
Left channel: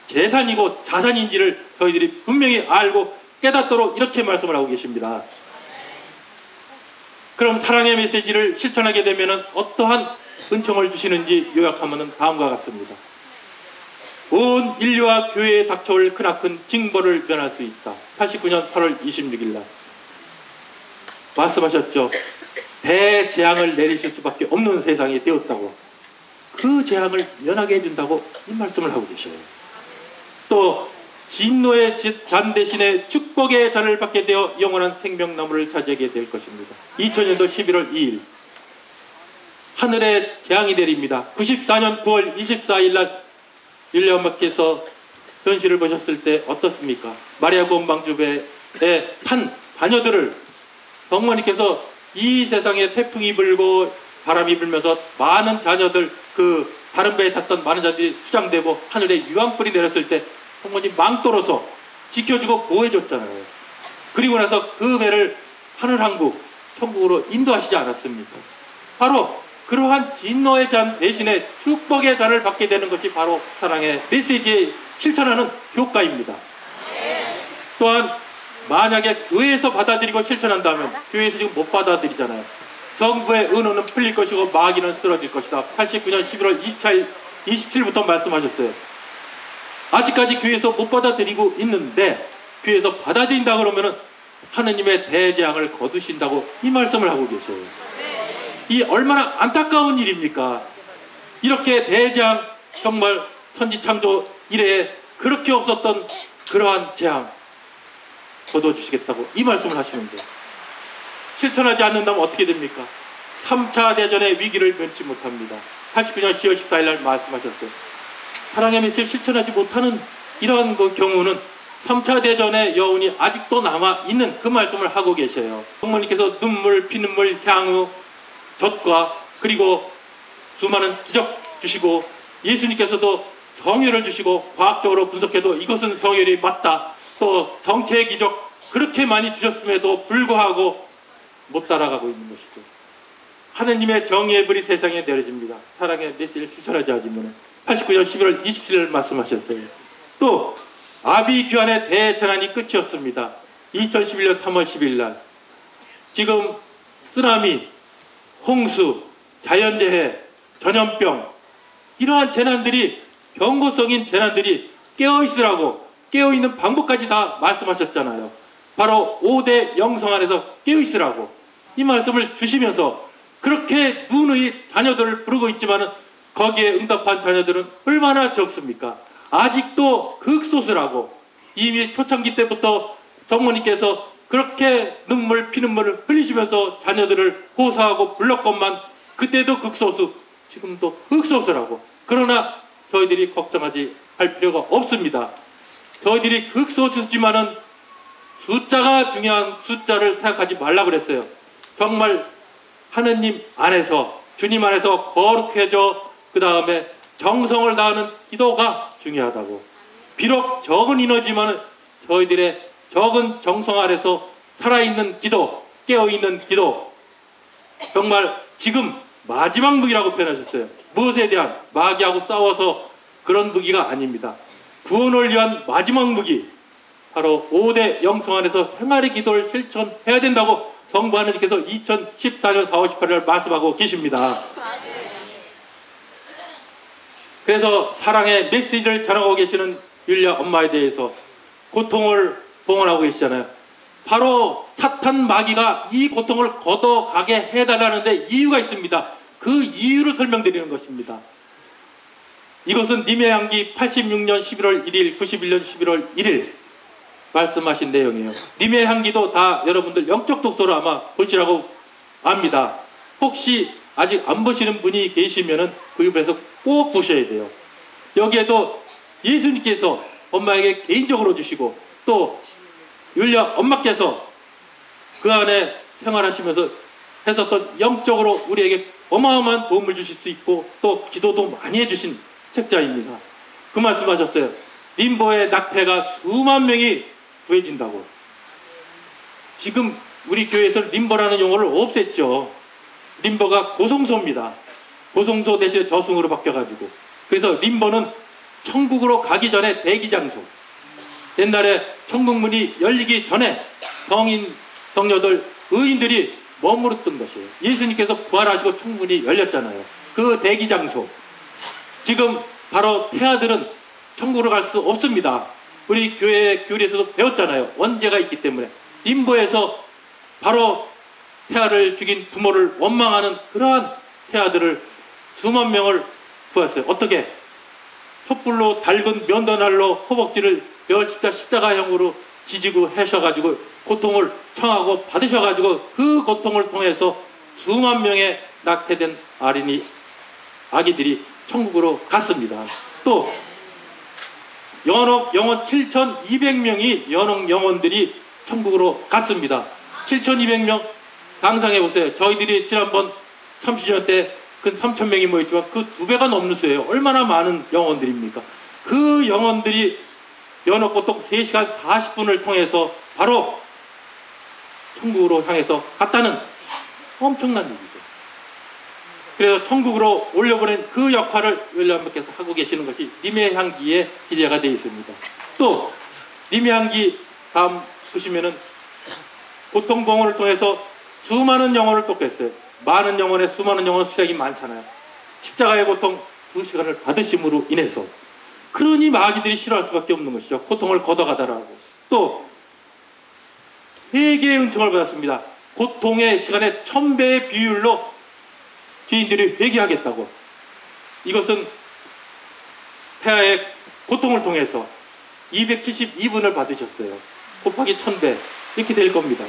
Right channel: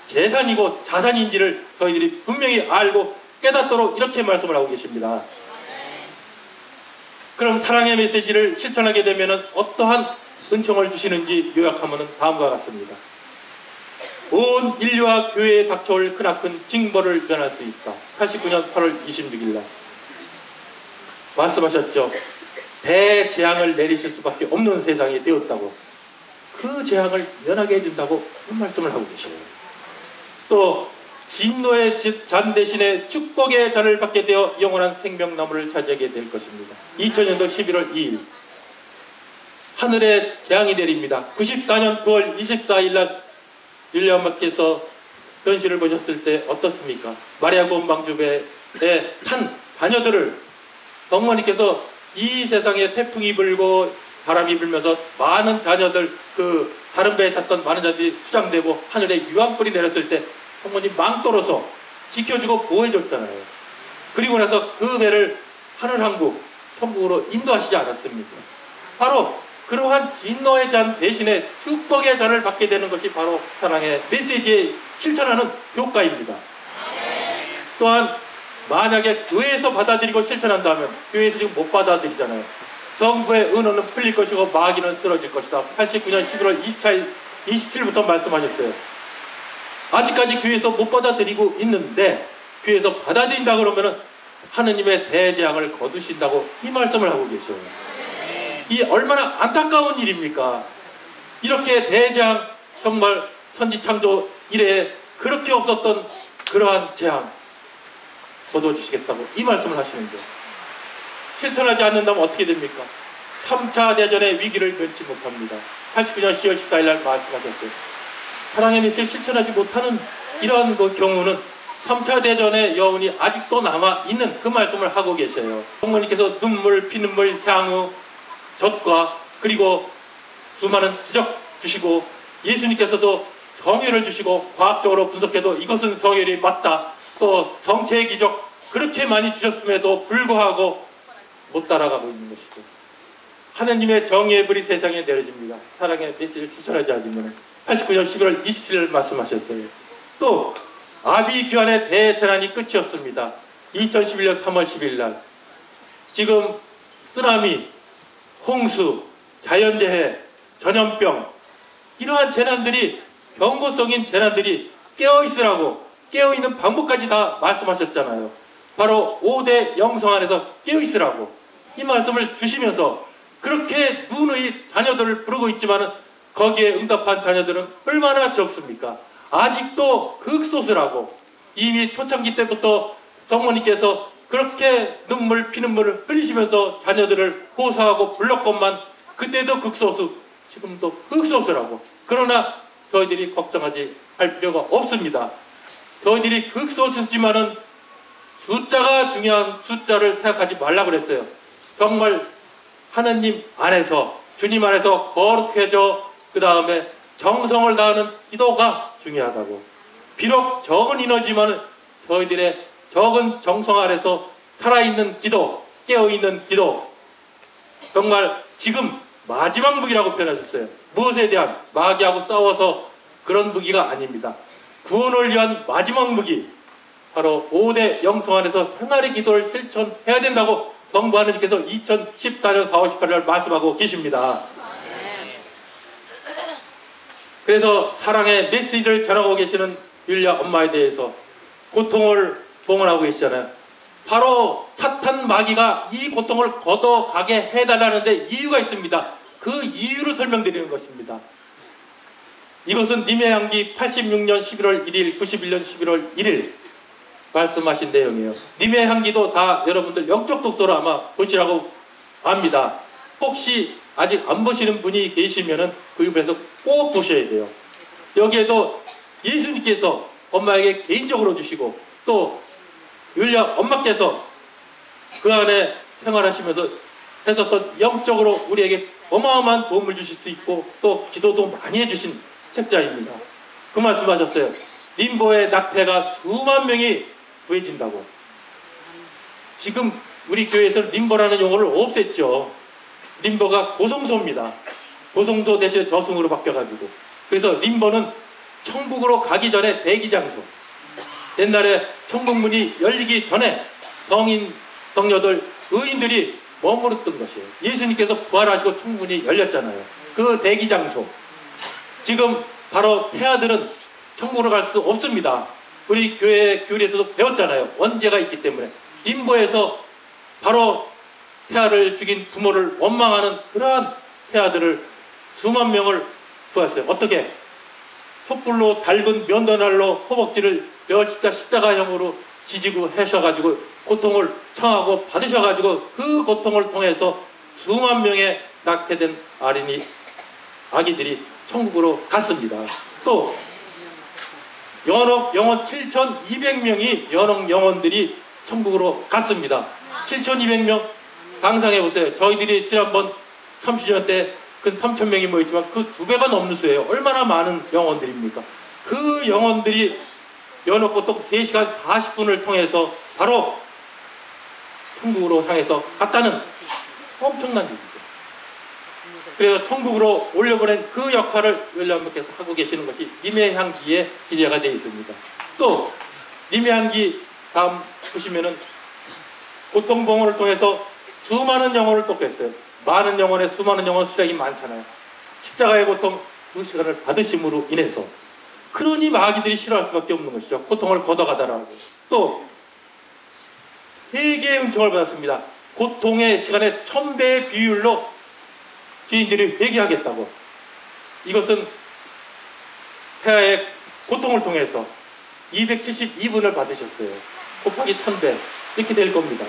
재산이고 자산인지를 저희들이 분명히 알고 깨닫도록 이렇게 말씀을 하고 계십니다. 그럼 사랑의 메시지를 실천하게 되면 어떠한 은총을 주시는지 요약하면 다음과 같습니다. 온 인류와 교회에 닥쳐올 크나큰 징벌을 면할 수 있다. 89년 8월 26일 날 말씀하셨죠. 대재앙을 내리실 수밖에 없는 세상이 되었다고, 그 재앙을 면하게 해준다고 이 말씀을 하고 계셔요. 또 진노의 잔 대신에 축복의 잔을 받게 되어 영원한 생명나무를 차지하게 될 것입니다. 2000년도 11월 2일 하늘에 재앙이 내립니다. 94년 9월 24일 날 윌리엄마께서 현실을 보셨을 때 어떻습니까? 마리아 건방주배의 한 자녀들을 성모님께서 이 세상에 태풍이 불고 바람이 불면서 많은 자녀들, 그 다른 배에 탔던 많은 자들이 수장되고 하늘에 유황불이 내렸을 때 성모님 망토로서 지켜주고 보호해줬잖아요. 그리고 나서 그 배를 하늘왕국, 천국으로 인도하시지 않았습니까? 바로 그러한 진노의 잔 대신에 축복의 잔을 받게 되는 것이 바로 사랑의 메시지에 실천하는 효과입니다. 또한 만약에 교회에서 받아들이고 실천한다면, 교회에서 지금 못 받아들이잖아요. 성부의 은호는 풀릴 것이고 마귀는 쓰러질 것이다. 89년 11월 27일부터 말씀하셨어요. 아직까지 교회에서 못 받아들이고 있는데 교회에서 받아들인다 그러면 하느님의 대재앙을 거두신다고 이 말씀을 하고 계셔요. 이 얼마나 안타까운 일입니까? 이렇게 대재앙, 정말 천지창조 이래에 그렇게 없었던 그러한 재앙 거둬주시겠다고 이 말씀을 하시는데, 실천하지 않는다면 어떻게 됩니까? 3차 대전의 위기를 면치 못합니다. 89년 10월 14일 날 말씀하셨어요. 사랑의 메시지를 실천하지 못하는 이러한 그 경우는 3차 대전의 여운이 아직도 남아있는 그 말씀을 하고 계셔요. 성모님께서 눈물, 피눈물, 향후, 젖과 그리고 수많은 기적 주시고 예수님께서도 성혈을 주시고 과학적으로 분석해도 이것은 성혈이 맞다. 또 성체의 기적 그렇게 많이 주셨음에도 불구하고 못 따라가고 있는 것이죠. 하느님의 정의의 불이 세상에 내려집니다. 사랑의 메시지를 실천하지 않으면 89년 11월 27일 말씀하셨어요. 또 아비규환의 대재난이 끝이었습니다. 2011년 3월 10일 날 지금 쓰나미, 홍수, 자연재해, 전염병 이러한 재난들이 경고성인 재난들이 깨어있으라고 깨어있는 방법까지 다 말씀하셨잖아요. 바로 5대 영성 안에서 깨어있으라고 이 말씀을 주시면서 그렇게 누누이 자녀들을 부르고 있지만 거기에 응답한 자녀들은 얼마나 적습니까? 아직도 극소수라고 이미 초창기 때부터 성모님께서 그렇게 눈물 피눈물을 흘리시면서 자녀들을 호소하고 불렀건만 그때도 극소수 지금도 극소수라고. 그러나 저희들이 걱정하지 할 필요가 없습니다. 저희들이 극소수지만은 숫자가 중요한 숫자를 생각하지 말라고 그랬어요. 정말 하느님 안에서 주님 안에서 거룩해져 그 다음에 정성을 다하는 기도가 중요하다고. 비록 적은 인원이지만 저희들의 적은 정성 아래서 살아있는 기도, 깨어있는 기도 정말 지금 마지막 무기라고 표현하셨어요. 무엇에 대한 마귀하고 싸워서 그런 무기가 아닙니다. 구원을 위한 마지막 무기 바로 5대 영성 안에서 생활의 기도를 실천해야 된다고 성부 하느님께서 2014년 4월 18일 말씀하고 계십니다. 그래서 사랑의 메시지를 전하고 계시는 율리아 엄마에 대해서 고통을 봉헌하고 계시잖아요. 바로 사탄 마귀가 이 고통을 걷어가게 해달라는데 이유가 있습니다. 그 이유를 설명드리는 것입니다. 이것은 님의 향기 86년 11월 1일, 91년 11월 1일 말씀하신 내용이에요. 님의 향기도 다 여러분들 영적 독서로 아마 보시라고 압니다. 혹시 아직 안 보시는 분이 계시면은 구입해서 꼭 보셔야 돼요. 여기에도 예수님께서 엄마에게 개인적으로 주시고 또 율리아 엄마께서 그 안에 생활하시면서 했었던 영적으로 우리에게 어마어마한 도움을 주실 수 있고 또 기도도 많이 해주신 책자입니다. 그 말씀하셨어요. 림보의 낙태가 수만 명이 구해진다고. 지금 우리 교회에서 림보라는 용어를 없앴죠. 림보가 고송소입니다. 고송소 대신에 저승으로 바뀌어가지고. 그래서 림보는 천국으로 가기 전에 대기장소. 옛날에 천국문이 열리기 전에 성인, 성녀들, 의인들이 머무르던 것이에요. 예수님께서 부활하시고 천국문이 열렸잖아요. 그 대기장소. 지금 바로 태아들은 천국으로 갈 수 없습니다. 우리 교회 교리에서도 배웠잖아요. 원죄가 있기 때문에. 림보에서 바로 태아를 죽인 부모를 원망하는 그러한 태아들을 수만 명을 구했어요. 어떻게? 촛불로 달군 면도날로 허벅지를 십자가형으로 지지고 하셔가지고 고통을 청하고 받으셔가지고 그 고통을 통해서 수만 명의 낙태된 아기들이 천국으로 갔습니다. 또 연옥 영혼 7,200명이 연옥 영혼들이 천국으로 갔습니다. 7,200명 상상해 보세요. 저희들이 지난번 30년 때 그 3,000명이 모였지만 그 2배가 넘는 수예요. 얼마나 많은 영혼들입니까? 그 영혼들이 연옥 고통 3시간 40분을 통해서 바로 천국으로 향해서 갔다는 엄청난 얘기죠. 그래서 천국으로 올려보낸 그 역할을 율리아엄마께서 하고 계시는 것이 님의 향기에 기대가 되어 있습니다. 또 님의 향기 다음 보시면은 고통봉헌을 통해서 수많은 영혼을 돕겠어요. 많은 영혼에 수많은 영혼 수량이 많잖아요. 십자가의 고통 2시간을 받으심으로 인해서 그러니 마귀들이 싫어할 수밖에 없는 것이죠. 고통을 걷어가다라고. 또 회개의 은총을 받았습니다. 고통의 시간에 1000배의 비율로 주인들이 회개하겠다고. 이것은 태아의 고통을 통해서 272분을 받으셨어요. 곱하기 1000배 이렇게 될 겁니다.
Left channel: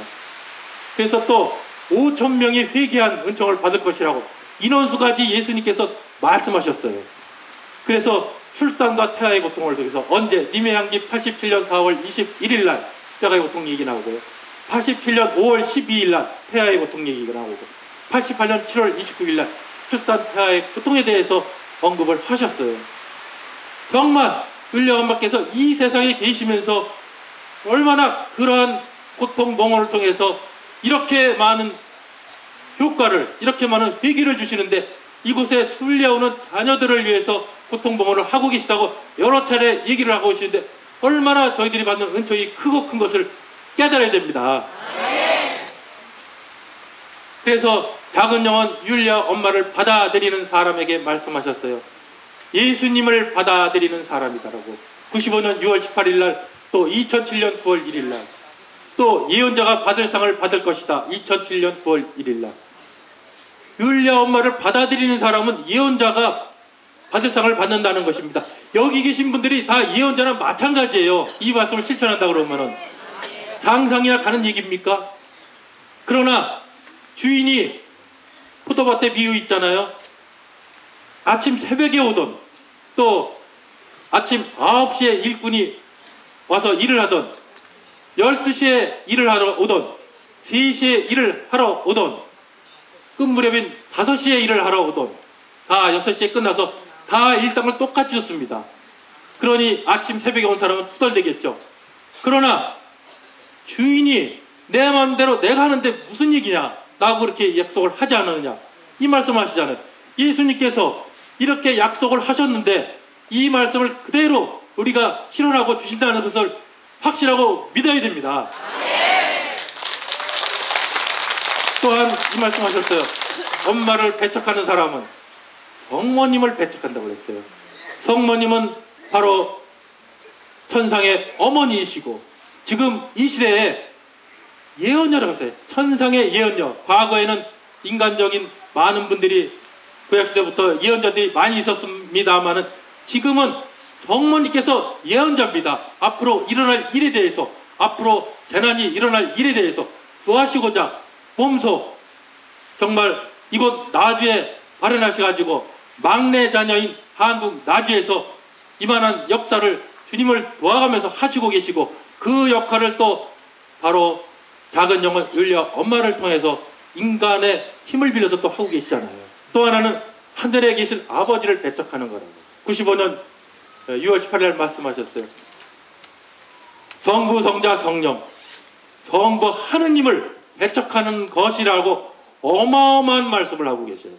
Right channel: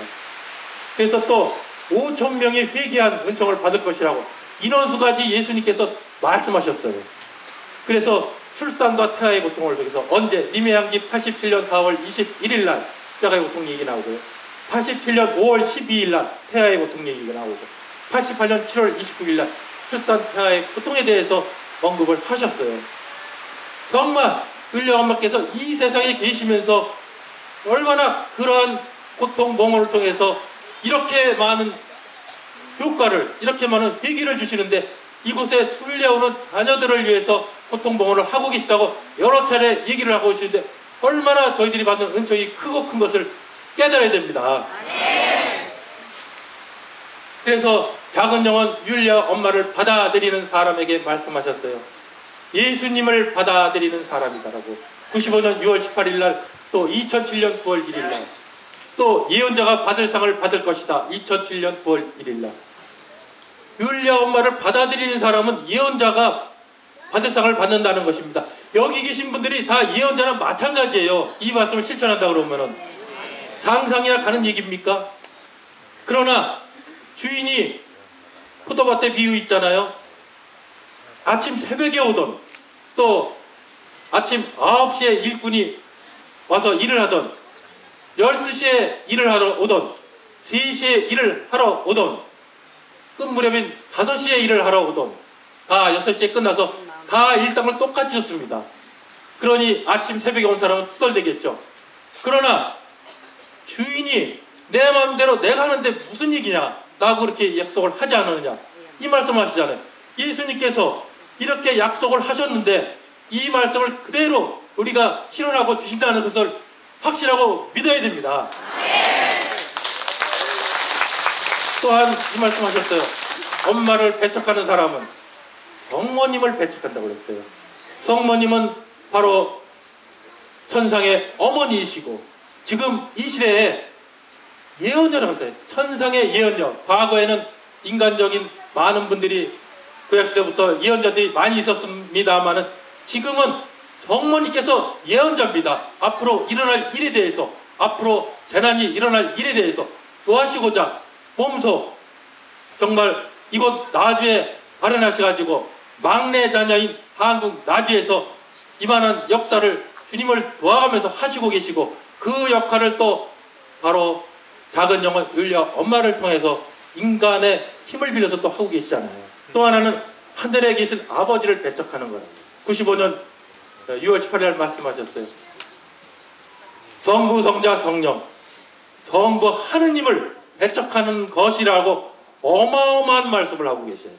그래서 또 5,000명이 회개한 은총을 받을 것이라고 인원수까지 예수님께서 말씀하셨어요. 그래서 출산과 태아의 고통을 통해서 언제 님의 향기 87년 4월 21일 날 십자가의 고통 얘기 나오고요. 87년 5월 12일 날 태아의 고통 얘기가 나오고 88년 7월 29일 날 출산 태아의 고통에 대해서 언급을 하셨어요. 정말 율리아 엄마께서 이 세상에 계시면서 얼마나 그러한 고통 몽호를 통해서 이렇게 많은 효과를, 이렇게 많은 위기를 주시는데 이곳에 순례오는 자녀들을 위해서 고통 몽호를 하고 계시다고 여러 차례 얘기를 하고 계시는데 얼마나 저희들이 받는 은총이 크고 큰 것을 깨달아야 됩니다. 그래서 작은 영혼 율리아 엄마를 받아들이는 사람에게 말씀하셨어요. 예수님을 받아들이는 사람이다라고. 95년 6월 18일 날, 또 2007년 9월 1일 날, 또 예언자가 받을 상을 받을 것이다. 2007년 9월 1일 날. 율리아 엄마를 받아들이는 사람은 예언자가 받을 상을 받는다는 것입니다. 여기 계신 분들이 다 예언자나 마찬가지예요. 이 말씀을 실천한다 그러면은 상상이나 가는 얘기입니까? 그러나 주인이 포도밭에 비유 있잖아요. 아침 새벽에 오던, 또 아침 9시에 일꾼이 와서 일을 하던, 12시에 일을 하러 오던, 3시에 일을 하러 오던, 끝무렵인 5시에 일을 하러 오던, 다 6시에 끝나서 다 일당을 똑같이 줬습니다. 그러니 아침 새벽에 온 사람은 투덜대겠죠. 그러나 주인이 내 마음대로 내가 하는데 무슨 얘기냐, 라고 그렇게 약속을 하지 않느냐, 이 말씀하시잖아요. 예수님께서 이렇게 약속을 하셨는데 이 말씀을 그대로 우리가 실현하고 주신다는 것을 확실하고 믿어야 됩니다. 또한 이 말씀하셨어요. 엄마를 배척하는 사람은 성모님을 배척한다고 그랬어요. 성모님은 바로 천상의 어머니이시고 지금 이 시대에 예언자라고 했어요. 천상의 예언자. 과거에는 인간적인 많은 분들이 구약시대부터 예언자들이 많이 있었습니다만은 지금은 성모님께서 예언자입니다. 앞으로 일어날 일에 대해서, 앞으로 재난이 일어날 일에 대해서 구하시고자 몸소 정말 이곳 나주에 발현하셔가지고 막내 자녀인 한국 나주에서 이만한 역사를 주님을 도와가면서 하시고 계시고 그 역할을 또 바로 작은 영혼 율리아 엄마를 통해서 인간의 힘을 빌려서 또 하고 계시잖아요. 또 하나는 하늘에 계신 아버지를 배척하는 거랍니다. 95년 6월 18일 말씀하셨어요. 성부, 성자, 성령, 성부 하느님을 배척하는 것이라고 어마어마한 말씀을 하고 계셔요.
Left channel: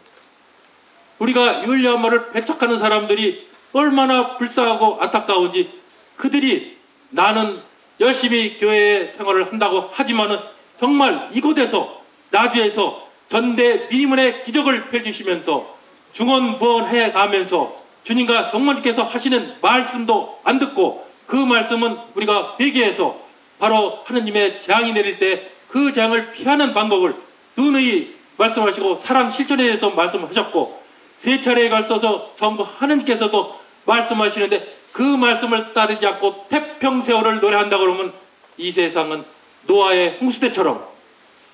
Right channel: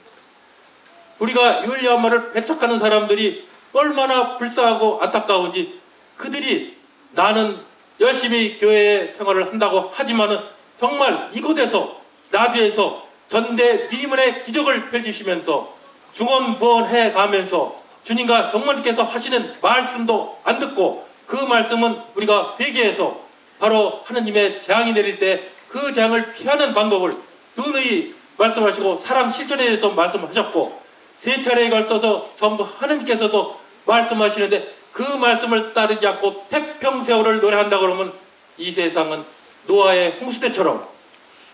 우리가 율리아 엄마를 배척하는 사람들이 얼마나 불쌍하고 안타까운지, 그들이 나는 열심히 교회 생활을 한다고 하지만은 정말 이곳에서 나주에서 전대 미문의 기적을 펼치시면서 중언부언해 가면서 주님과 성모님께서 하시는 말씀도 안 듣고 그 말씀은 우리가 회개해서 바로 하느님의 재앙이 내릴 때 그 재앙을 피하는 방법을 누누이 말씀하시고 사랑 실천에 대해서 말씀하셨고 3차례에 걸쳐서 성부 하느님께서도 말씀하시는데 그 말씀을 따르지 않고 태평세월을 노래한다 그러면 이 세상은 노아의 홍수 때처럼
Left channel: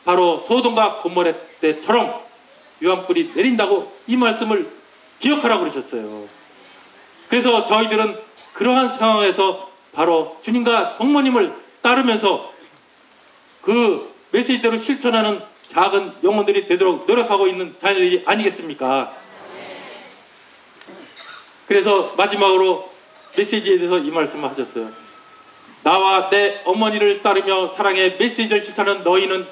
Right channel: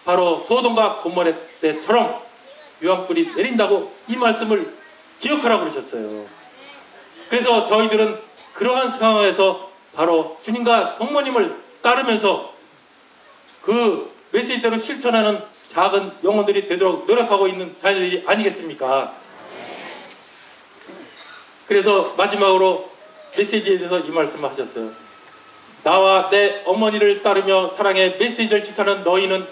바로 소돔과 고모레 때처럼 유황불이 내린다고 이 말씀을 기억하라고 그러셨어요. 그래서 저희들은 그러한 상황에서 바로 주님과 성모님을 따르면서 그 메시지대로 실천하는 작은 영혼들이 되도록 노력하고 있는 자녀들이 아니겠습니까? 그래서 마지막으로 메시지에 대해서 이 말씀을 하셨어요. 나와 내 어머니를 따르며 사랑의 메시지를 실천하는 너희는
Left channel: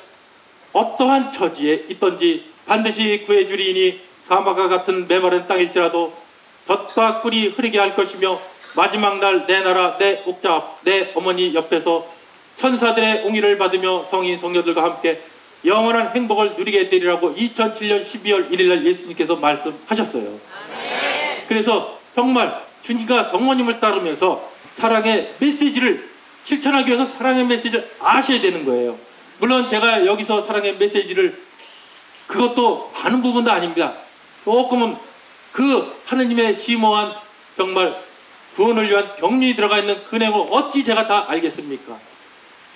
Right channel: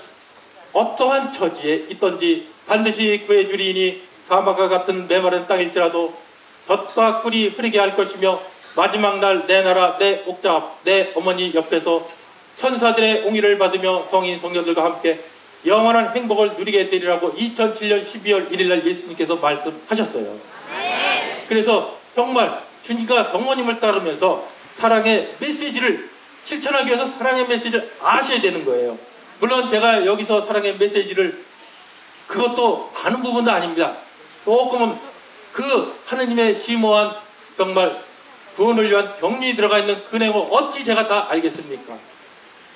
어떠한 처지에 있든지 반드시 구해주리니 사막과 같은 메마른 땅일지라도 젖과 꿀이 흐르게 할 것이며 마지막 날 내 나라 내 옥자 내 어머니 옆에서 천사들의 옹의를 받으며 성인 성녀들과 함께 영원한 행복을 누리게 되리라고 2007년 12월 1일 날 예수님께서 말씀하셨어요. 그래서 정말 주님과 성모님을 따르면서 사랑의 메시지를 실천하기 위해서 사랑의 메시지를 아셔야 되는 거예요. 물론 제가 여기서 사랑의 메시지를 그것도 아는 부분도 아닙니다. 조금은 그 하느님의 심오한 정말 구원을 위한 병리에 들어가 있는 그 내용을 어찌 제가 다 알겠습니까?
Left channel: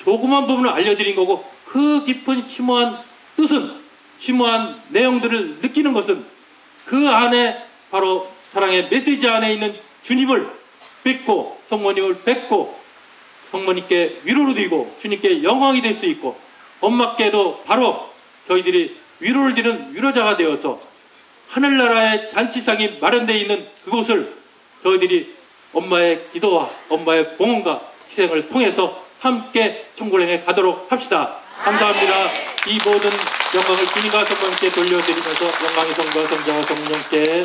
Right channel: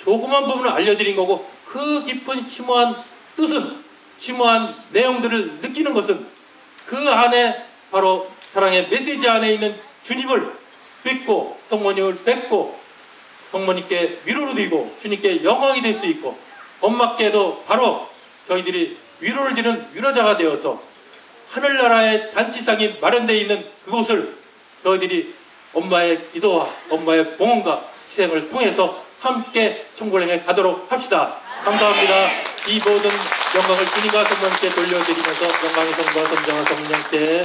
조그만 부분을 알려드린 거고 그 깊은 심오한 뜻은, 심오한 내용들을 느끼는 것은 그 안에 바로 사랑의 메시지 안에 있는 주님을 뵙고 성모님을 뵙고 성모님께 위로를 드리고 주님께 영광이 될 수 있고 엄마께도 바로 저희들이 위로를 드리는 위로자가 되어서 하늘나라의 잔치상이 마련되어 있는 그곳을 저희들이 엄마의 기도와 엄마의 봉헌과 희생을 통해서 함께 총궐행에 가도록 합시다. 감사합니다. 이 모든 영광을 주님과 성령께 돌려드리면서 영광의 성부와 성자와 성령께